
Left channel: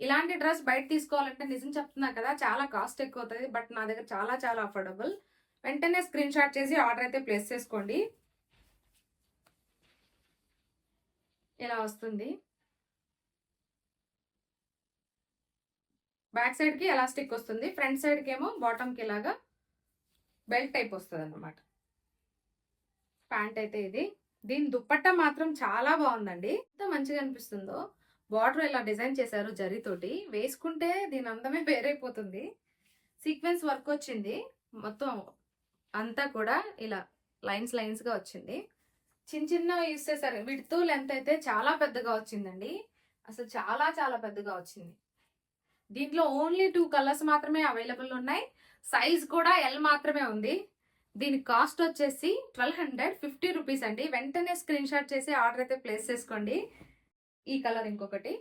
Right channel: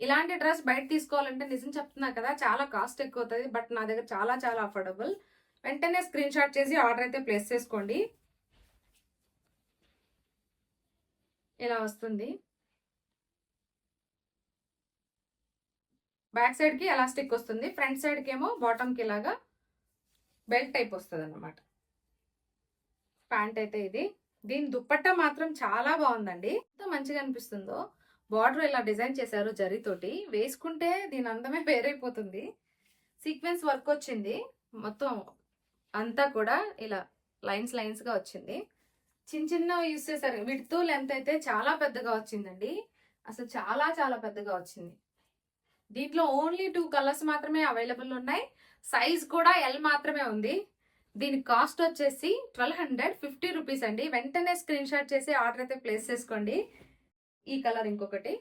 ఇలాంటి డ్రెస్ బయట తీసుకోవాలంటే నిజం చెప్తున్నా కదా, చాలా కాస్ట్ ఎక్కువ అవుతుంది. బట్ నా దగ్గర చాలా చాలా అఫోర్డబుల్. వెంటనే స్క్రీన్ షాట్ చేసి ఆర్డర్ అయితే ప్లేస్ చేసుకోండి. ఇలా వస్తుంది. బ్యాక్ సైడ్ కి ఎలాస్టిక్ వస్తుంది, ఫ్రంట్ సైడ్ కి ఏమో బాటమ్ కి ఇలాగా బెల్ట్ టైప్ వస్తుంది అన్నమాట. ప్యాంట్ అయితే ఇది. దీని దుప్పట్టా మాత్రం చాలా బాగుందండి. ఎంత మంచిగా అనిపిస్తుందో. బార్డర్ ఇలా డిజైన్ చేశారు జరీతోటి. వేసుకుంటే దీని అందమే వేరైపోతుంది. సీక్వెన్స్ వర్క్ వచ్చింది మొత్తం అంతా కూడా, ఇలా లైన్స్ లైన్స్ గా వచ్చింది. చిన్న చిన్న యూస్ చేశారు. విడ్త్ లెంత్ అయితే చాలా పెద్దగా వచ్చిందండి. అసలు చాలా చాలా పెద్దగా వచ్చింది. దీంట్లో ఓన్లీ 2 కలర్స్ మాత్రమే అవైలబుల్ ఉన్నాయి. సైజ్ కూడా ఎల్ మాత్రమే ఉంది. దీని కాస్ట్ వచ్చేసి 1250 రూపీస్ అండి. వెంటనే స్క్రీన్ షాట్ చేసి ఆర్డర్ అయితే ప్లేస్ చేసుకోండి. ఈ కలర్ ఇంకొకటి.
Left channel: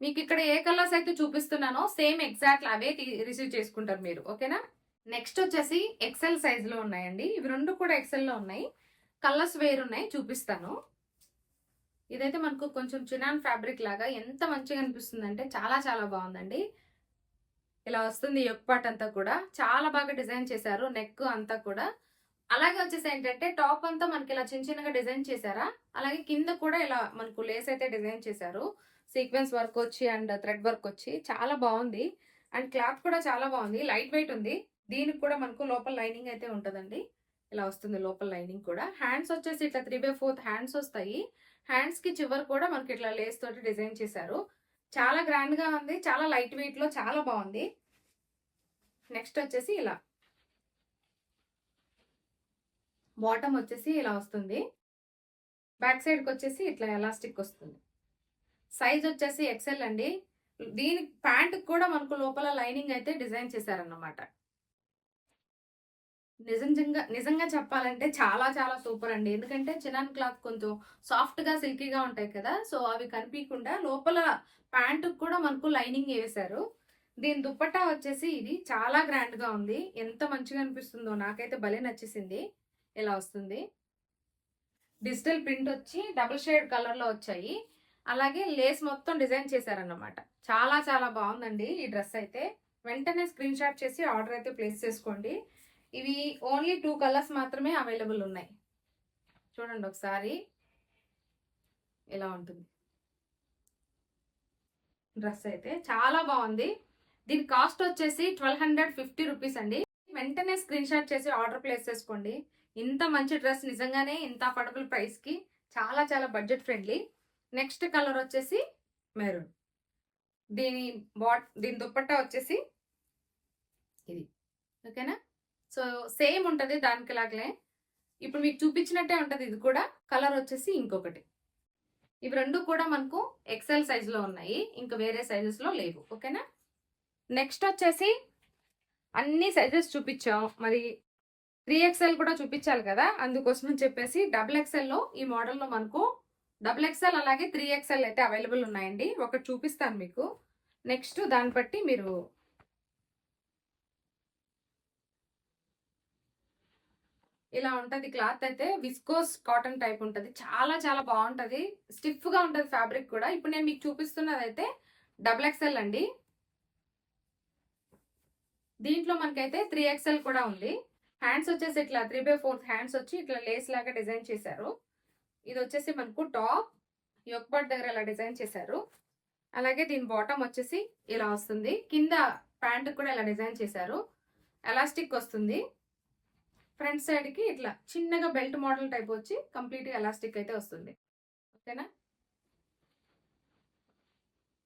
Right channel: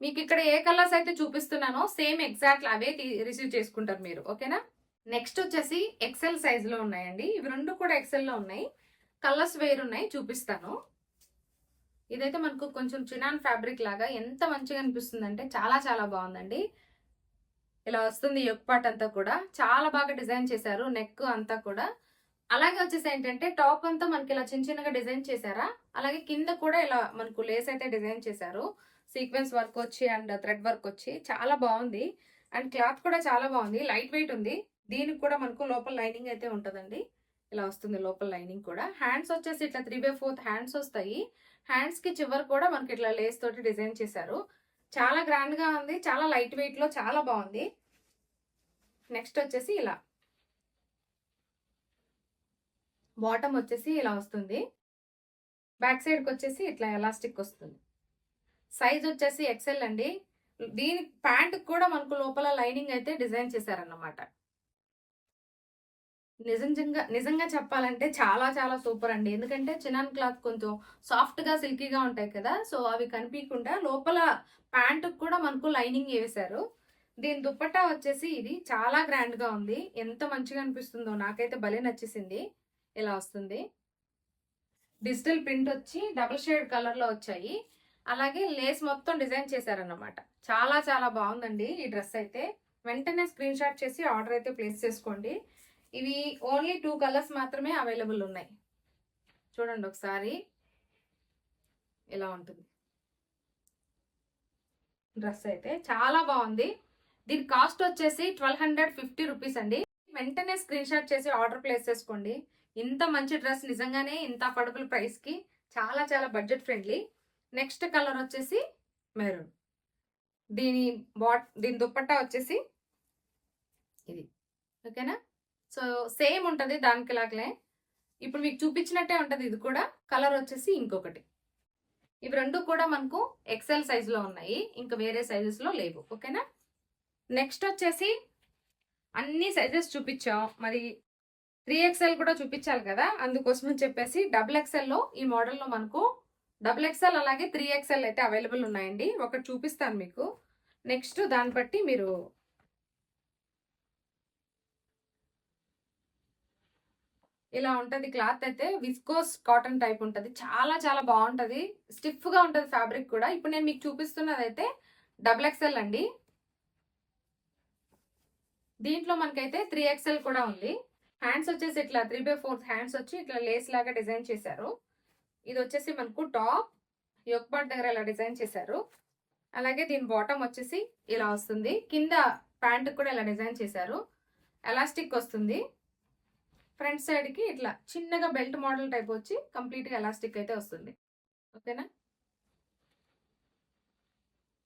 మీకు ఇక్కడ ఏ కలర్స్ అయితే చూపిస్తున్నానో సేమ్ ఎగ్జాక్ట్ అవే రిసీవ్ చేసుకుంటారు మీరు, ఓకేనా. నెక్స్ట్ వచ్చేసి ఎక్సెల్ సైజ్ లో ఉన్నాయండి. ఇవి 2 కూడా ఎక్సెల్ లో ఉన్నాయి. కలర్స్ వేరున్నాయి, చూపిస్తాను. ఇదైతే మనకు కొంచెం చినాన్ ఫ్యాబ్రిక్ లాగా ఎంత మంచిగా అనిపిస్తుంది అంటే చాలా చాలా బాగుందండి. ఇలా వస్తుంది యోక్ పార్ట్ అంతా కూడా. చాలా బాగా డిజైన్ చేశారు, నెక్ అంతా కూడా. అలాగే వచ్చేసి ఏంటంటే టాప్ అంతా మనకి ఇలా చిన్న చిన్నగా డిజైన్ చేశారా. అలాగే కింద కూడా ఇలా మనకు లేస్ అయితే డిజైన్ చేశారు. సీక్వెన్స్ వర్క్ వచ్చి అండ్ థ్రెడ్ వర్క్ వచ్చి చాలా బాగుంది. అండ్ క్లాత్ కూడా చాలా బాగుంది, లైట్ వెయిట్ ఉంది. దీనికి కూడా మనకు లోపల లైనింగ్ అయితే ఉంటుందండి. ఇలా వస్తుంది లోపల లైనింగ్ కూడా. హ్యాండ్స్ వచ్చేసి ఇట్లా 3/4 హ్యాండ్స్ వస్తాయి. హ్యాండ్స్ కి చివరి కూడా మనకి ఇట్లా లేస్ తోటి డిజైన్ చేశారు. చాలా గ్రాండ్ గా ఉంది, చాలా లైట్ వెయిట్ లో చాలా బాగుంది. నెక్స్ట్ వచ్చేసి ఇలా బాటమ్ వచ్చేసి ఇలా వస్తుంది. బ్యాక్ సైడ్ కి వచ్చేసి ఇట్లా ఎలాస్టిక్ వస్తుంది. సైజ్ వచ్చేసి ఎక్సెల్ అండి. దీని ప్యాంట్ కూడా మనకు లోపల లైనింగ్ అయితే డిజైన్ చేశారన్నమాట. నిజంగా చెప్పాలంటే చాలా చాలా సూపర్ అండి. ఎందుకంటే చినాన్ క్లాత్ కొంచెం సాఫ్ట్ గా సిల్కీగా ఉంటాయి కదా, సో అవి కనిపించకుండా లోపల ప్యాంట్ కూడా మనకు లైనింగ్ వేశారు. దీని దుప్పట్టా వచ్చేసి ఇది చాలా గ్రాండ్ గా ఉంది. ఎంత మంచిగా అనిపిస్తుందో, నాకైతే భలే నచ్చేసింది. ఇలా వస్తుంది. డిజిటల్ ప్రింట్ వచ్చి డబుల్ షేడ్ కలర్ లో వచ్చాయి. అలాగే లేస్ మొత్తం డిజైన్ చేశారన్నమాట. చాలా చాలా బాగుందండి ఈ డ్రెస్ అయితే. వెంటనే స్క్రీన్ షాట్ చేసి ఆర్డర్ అయితే ప్లేస్ చేసుకోండి. ఇవి ఓన్లీ 2 కలర్స్ మాత్రమే అవైలబుల్ ఉన్నాయి. చూడండి ఒకసారి, ఇలా ఉంటుంది డ్రెస్ అయితే. చాలా బాగుంది. దీని కాస్ట్ వచ్చేసి 1250 రూపీస్ అండి. వెంటనే స్క్రీన్ షాట్ చేసి ఆర్డర్ ప్లేస్ చేసుకోండి. ఇంత మంచి డ్రెస్ నిజంగానే ఇంత అఫోర్డబుల్ ప్రైస్ కి చాలా చాలా బడ్జెట్ ఫ్రెండ్లీ. నెక్స్ట్ కలర్ వచ్చేసి మెరూన్. దీని దుప్పట్టా వచ్చేసి ఇది, ఓకేనా. సో సేమ్ ఉంటుంది దానికి లాగలే. ఇప్పుడు మీకు చూపించినట్టే ఉంటది ఇది కూడా. కలర్ వచ్చేసి ఇంకొకటి. ఇవి రెండు కూడా మనకు ఎక్సెల్ సైజ్ లో ఉన్నాయి, ఇంకా వేరే సైజెస్ లో లేవు. ఓకేనా. నెక్స్ట్ వచ్చేసి అన్ని సైజెస్ చూపించాం, మరి 3XL కూడా చూపించాలి కదా, అందుకోసం అని చెప్పేసి XXL లో ఈ మోడల్లో మనకు XXL అలాగే 3XL అయితే అవైలబుల్ ఉన్నాయండి. ఒకటి చూపిస్తాను మీకు. నెక్స్ట్ దాన్ని బట్టి మీరు ఇలా ఉంటది. క్లాత్ అయితే విస్కోస్ కాటన్ టైప్ ఉంటది, చాలా చాలా బాగుంటది, స్టిఫ్ గా ఉంటది ఫ్యాబ్రిక్ కూడా. ఇప్పుడు నేను మీకు చూపిస్తున్నది అయితే XXL అండి. దీంట్లో మనకైతే 3XL కూడా ఉంది. హ్యాండ్స్ వచ్చేసి ఇట్లా 3/4 హ్యాండ్స్ వచ్చి ఇట్లా లేస్ లాగా డిజైన్ చేశారు. ఇది వచ్చేసి మనకు టాప్ యోక్ పార్ట్ దగ్గర ఇలా డిజైన్ చేశారు. అలాగే దీని బాటమ్ వచ్చేసి ఇలా వస్తుంది, కింద ప్యాంట్ కూడా ఇలా డిజైన్ చేశారు. ఎలాస్టిక్ వస్తుంది. ఫ్రంట్ సైడ్ కి ఇట్లా చిన్నగా బెల్ట్ మోడల్ టైప్ వచ్చి కంప్లీట్ గా ఎలాస్టిక్ అయితే వస్తుంది. ఓకేనా.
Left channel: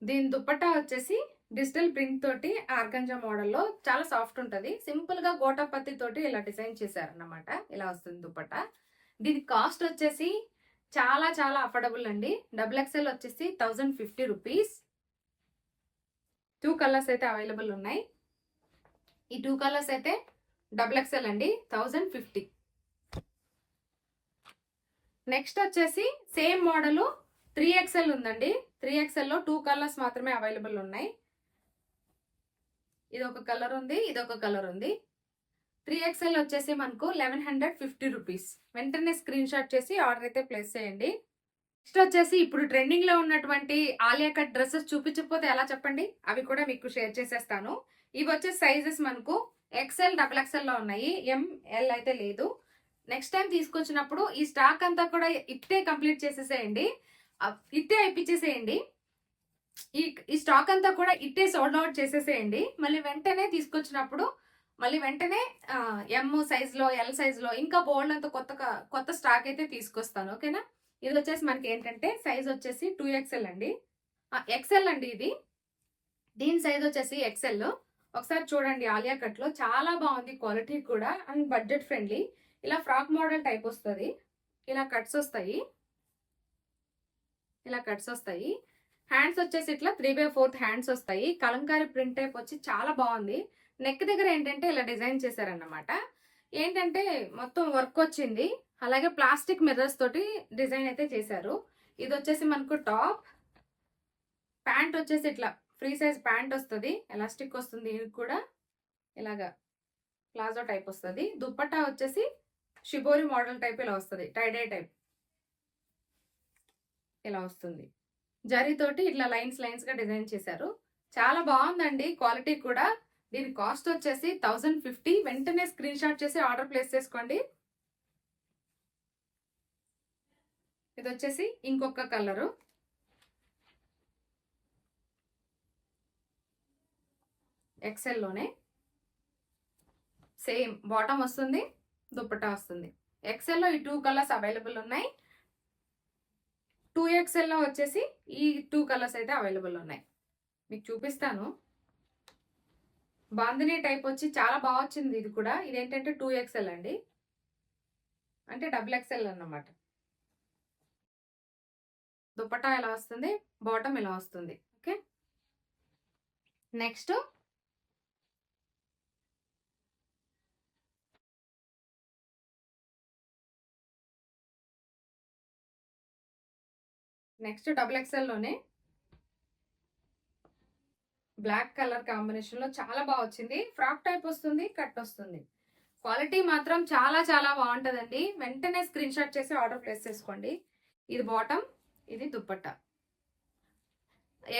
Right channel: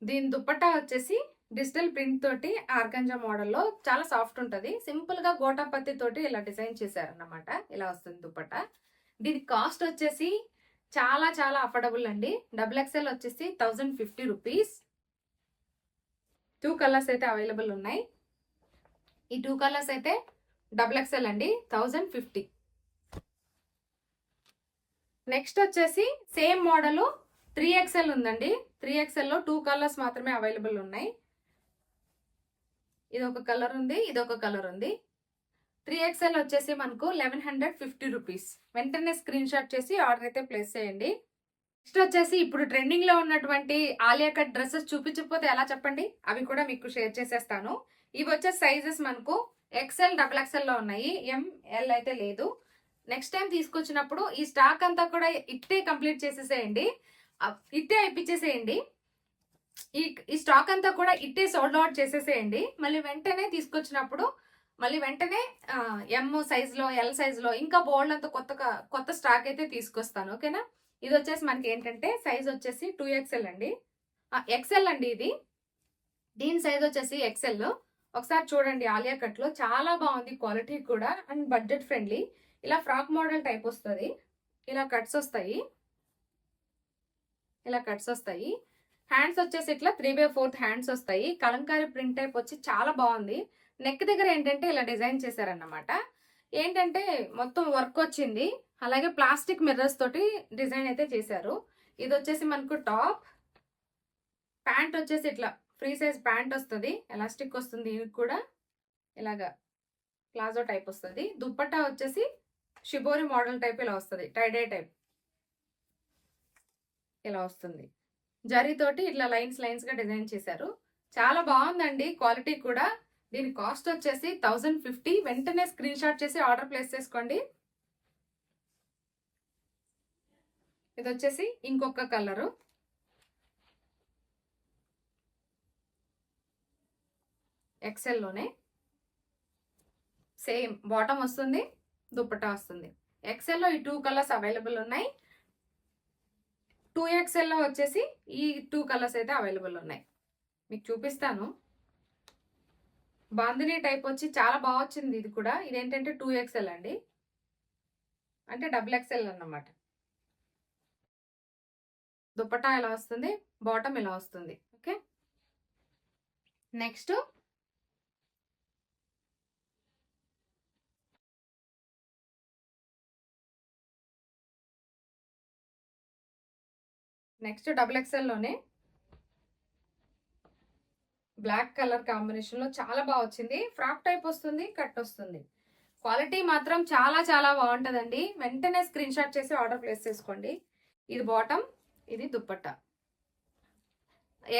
దీని దుపట్టా వచ్చేసి డిజిటల్ ప్రింట్ తోటి ఆర్గంజా మోడల్లో చాలా సాఫ్ట్ ఉంటుంది. సింపుల్ గా గోటాపత్తి తోటి ఇలా డిజైన్ చేశారన్నమాట. ఇలా వస్తుంది దుపట్టా. దీని కాస్ట్ వచ్చేసి చాలా చాలా అఫోర్డబుల్ అండి. XXL వచ్చేసి 1050 రూపీస్. 2 కలర్స్ అయితే అవైలబుల్ ఉన్నాయి. ఈ 2 కలర్స్ అయితే XXL అండి, 1050. నెక్స్ట్ వచ్చేసి సేమ్ మోడల్ 3XL ఉందండి. 3XL లో 2 కలర్స్ మాత్రమే అవైలబుల్ ఉన్నాయి. ఇది ఒక కలర్ ఉంది, ఇది ఒక కలర్ ఉంది. 3XL వచ్చేసి మనకు 1150 రూపీస్. వెంటనే స్క్రీన్ షాట్ చేసి ఆర్డర్ అయితే ప్లేస్ చేయండి. నెక్స్ట్ వచ్చేసి ఇప్పుడు ట్రెండింగ్ లో ఉన్నటువంటి ఆలియా కట్ డ్రెస్సెస్ చూపించకపోతే ఎలా చెప్పండి, అవి కూడా మీకు షేర్ చేసేస్తాను. ఇవి వచ్చే సైజెస్ మనకు XL XXL లో ఉన్నాయి, ML అయితే లేదు. నెక్స్ట్ టైం తీసుకొచ్చినప్పుడు ఈ స్టాక్ అంతా కూడా ఇట్టే కంప్లీట్ చేసేసేయండి, ఇట్టే ఇప్పించేసేయండి. ఈ స్టాక్ అంతా కూడా ఇట్టే సోల్డ్ అవుట్ చేసేసేయండి. మళ్ళీ వెంటనే తీసుకొచ్చినప్పుడు మళ్ళీ వెంటనే M సైజులో L సైజులో ఇంకా బోల్డ్ అంత కొత్త స్టాక్ అయితే తీసుకొస్తాను. ఓకేనా. ఇది వచ్చేసి మనకి ఏంటంటే సైజ్ వచ్చేసి 2XL అండి, XL అండి ఇది. దీని సైజ్ వచ్చేసి XL. ఒకసారి చూడండి, ఆలియా కట్ లో చాలా బాగుంది, క్వాలిటీ కూడా అండ్ బడ్జెట్ ఫ్రెండ్లీ. ఇలా ఫ్రాక్ మోడల్ టైప్ వస్తుంది, ఇలా కట్స్ వస్తాయి, ఇలా కట్స్ వస్తాయి. హ్యాండ్స్ వచ్చేసి ఇట్లా 3/4 హ్యాండ్స్ వస్తాయి. కలంకారీ ప్రింట్ టైప్ వచ్చి చాలా బాగుంది. నెక్ దగ్గర ఏంటంటే ఇలా డిజైన్ చేశారన్నమాట. ఏంటంటే మొత్తం వర్క్ వచ్చింది, అలాగే ప్లాస్టిక్ మిర్రర్స్ తోటి డిజైన్ అయితే చేశారు. ఇది వచ్చేసి మనకు టాప్. ప్యాంట్ వచ్చేసి ఇట్లా ఫ్రీ సైజ్ ప్యాంట్ వస్తుంది, ఎలాస్టిక్ వస్తుంది. ఇది కూడా ఇలాగా ప్లాజో టైప్ వస్తుంది. దుప్పట్టా వచ్చేసి షిబోరి మోడల్ టైప్ ఇలా వస్తుంది, టైడే టైప్ ఇలా వస్తుంది. జరీతోటి ఇట్లా లైన్స్ గా డిజైన్ చేశారు. చాలా బాగుందండి, క్వాలిటీ కూడా. దీని కాస్ట్ వచ్చేసి 1050. వెంటనే స్క్రీన్ షాట్ చేసి ఆర్డర్ ప్లేస్ చేసుకోండి. ఇది వచ్చేసి ఇంకొక కలరు, XL లోనే సేమ్ బాటమ్ వస్తుంది, దుపట్టా వస్తుంది. XL లో ఈ 2 కలర్స్ అవైలబుల్ ఉన్నాయి. 2XL లో వచ్చేసి ఈ 2 కలర్స్ అయితే అవైలబుల్ ఉన్నాయి. మీకు చూపిస్తాను. బాందినీ టైప్ వచ్చి చాలా బాగా వచ్చింది. ఇది కూడా ఇదేంటంటే 2XL అండి, అంటే XXL అన్నమాట. దుపట్టా ఇలా వస్తుంది, బాటమ్ ఇలా వస్తుంది. ఓకే. నెక్స్ట్ XXL లోనే బ్లాక్ కలర్ కాంబినేషన్ లో చాలా బాగా వచ్చింది. ఫ్రాక్ టైప్ వస్తుంది, కట్ వస్తుంది. క్వాలిటీ మాత్రం చాలా చాలా బాగుంటుందండి. వెంటనే స్క్రీన్ షాట్ చేసి ఆర్డర్ ప్లేస్ చేసుకోండి. ఇది బాటమ్, ఇది దుపట్టా.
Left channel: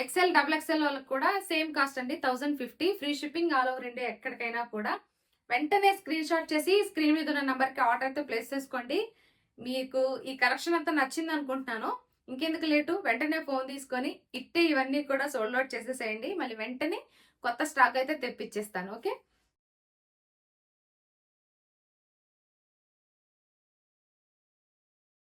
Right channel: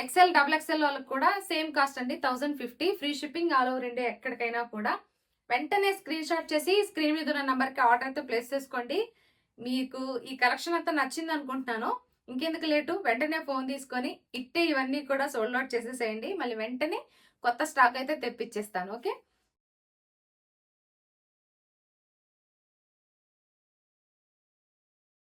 XL XXL వాళ్ళకి కూడా సేమ్ కాస్ట్ అండి, 1050. Free shipping all over India, ఎక్కడికైనా కూడా. వెంటనే స్క్రీన్ షాట్ చేసి స్క్రీన్ మీద ఉన్న నెంబర్కి ఆర్డర్ అయితే ప్లేస్ చేసుకోండి. మీకు ఈ కలెక్షన్ అంతా నచ్చింది అనుకుంటున్నాను. ఇంకెందుకు లేటు, వెంటనే ఫోన్ తీసుకొని ఇట్టే ఇవన్నీ కూడా సోల్డ్ అవుట్ చేసేసేయండి. మళ్ళీ వెంటనే కొత్త స్టాక్ అయితే తెప్పించేస్తాను. ఓకే.